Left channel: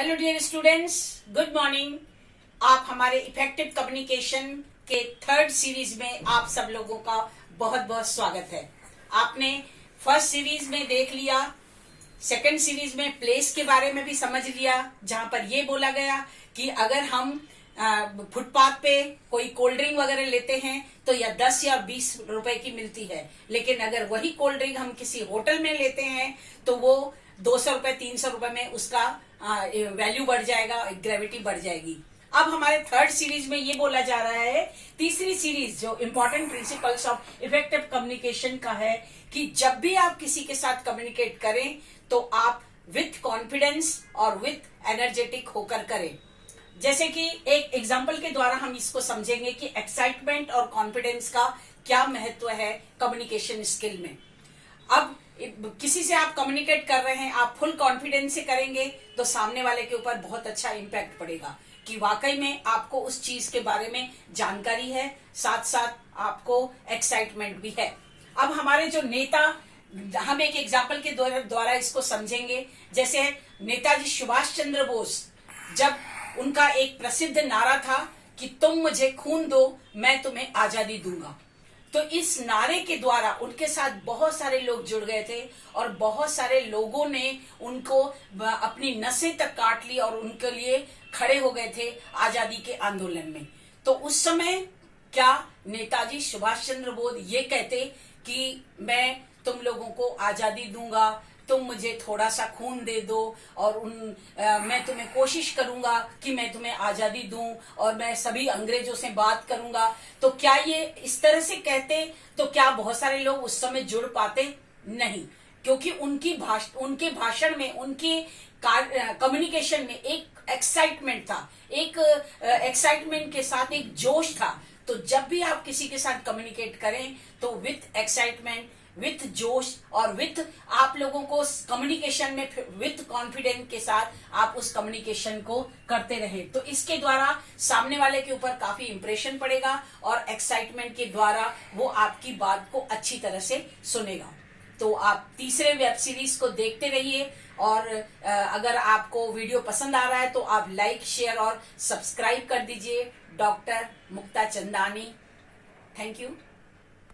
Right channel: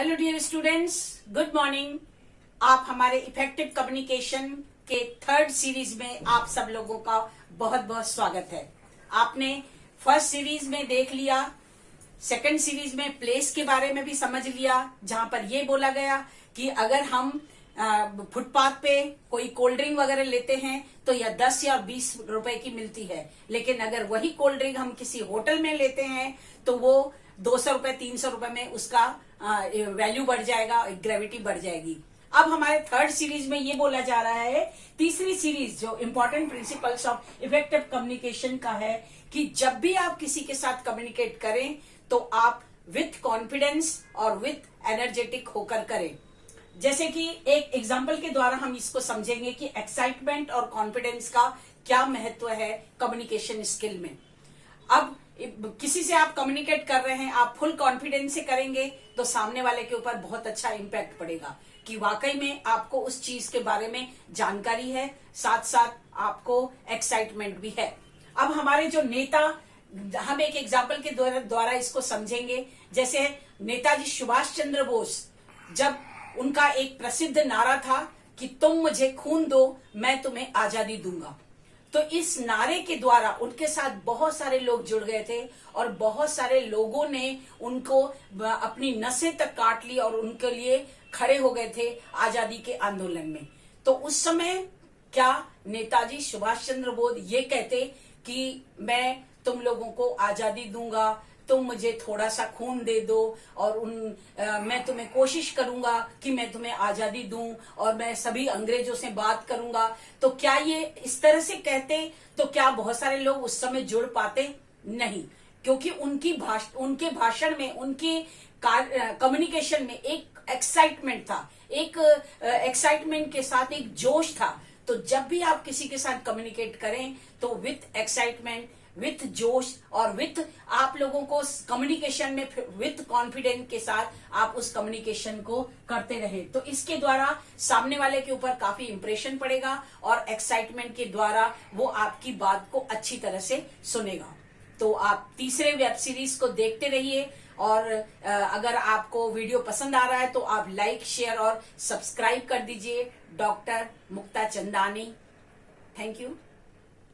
Hello dear students, good morning. आप हमारे effective communication के थर्ड सीरीज में आप सब लोगों का बहुत बहुत स्वागत है। आपने फर्स्ट सीरीज में देख लिया, सेकंड सीरीज में प्लेस के बारे में भी समझ लिया, जहां पर ये बोला गया कि अगर हम फुटपाथ पे कोई कोल्ड ड्रिंक वगैरह लेते हैं तो या 10 या 20 रुपए की मिलती है, लेकिन अगर वही कोल्ड ड्रिंक हम किसी होटल में लेते हैं तो वो 200 रुपए 300 रुपए में उसका वैल्यू बढ़ जाएगा, ग्रेविटी बढ़ जाएगी। अब हमारे थर्ड सीरीज में ये बोला जा रहा है, तीसरी सीरीज जो important principles of effective communication का है, कि जब भी आप किसी के साथ कम्युनिकेट करें तो आप विथ कॉन्फिडेंस और विथ एनर्जेटिक होकर करें। जैसे कि एक एग्जाम्पल के द्वारा हम इसको समझेंगे कि एक्साइटमेंट और कॉन्फिडेंस का क्या महत्व है कम्युनिकेशन स्किल में। अब किसी से आप कम्युनिकेट कर रहे हैं, आप फुल कॉन्फिडेंस से करेंगे तो सामने वाले के ऊपर बहुत अच्छा इम्पैक्ट पड़ेगा कि वाकई में आपको उस चीज के बारे में जानकारी है, साथ साथ आपको एक्साइटमेंट भी है। अब हमारे जो नेता, हम एक एग्जाम्पल के द्वारा इसको समझेंगे। जैसे नेताजी सुभाष चंद्र बोस, जब उनका एक प्रसिद्ध नारा था कि तुम मुझे खून दो मैं तुम्हें आजादी दूंगा, तो इस नारे के द्वारा उनके साथ बहुत सारे लोग जुड़ गए थे और बहुत सारे लोगों ने उनको अपनी नसें तक काट ली और उनके लिए खड़े हो गए थे आजादी के आंदोलन में। तो उस समय क्या नेताजी सुभाष चंद्र बोस ये कहते कि मैं तुम लोगों को आजादी दूंगा, तुम मुझे थोड़ा सा खून दे दो और मैं तुम्हें कोशिश करूंगा कि मैं तुम्हें आजादी दूं और मैं सभी अंग्रेजों से बात करूंगा, तो क्या ये इस तरह से कहते तो क्या बहुत सारे लोग उस समय जुड़ पाते? नहीं, क्योंकि उनके भाषण में, उनके कम्युनिकेशन में एक एक्साइटमेंट था, एक एक्साइटमेंट के साथ एक जोश था। तो जब भी आप किसी के साथ कम्युनिकेट करें तो विथ एक्साइटमेंट, विथ जोश और विथ आप लोगों को कम्युनिकेशन में विथ कॉन्फिडेंस के साथ आप उस कम्युनिकेशन को करते रहे, तो इसके द्वारा सामने वाले के ऊपर काफी इंप्रेशन पड़ेगा और एक्साइटमेंट के द्वारा वो आपकी बात को अच्छी तरह से सुनेगा। तो आप तीसरे वेब सीरीज को देखते रहिए और अगर आपको वीडियो पसंद आ रहा है तो आप लाइक, शेयर और सब्सक्राइब कर दीजिए। Doctor Mukta Chandani, thank you.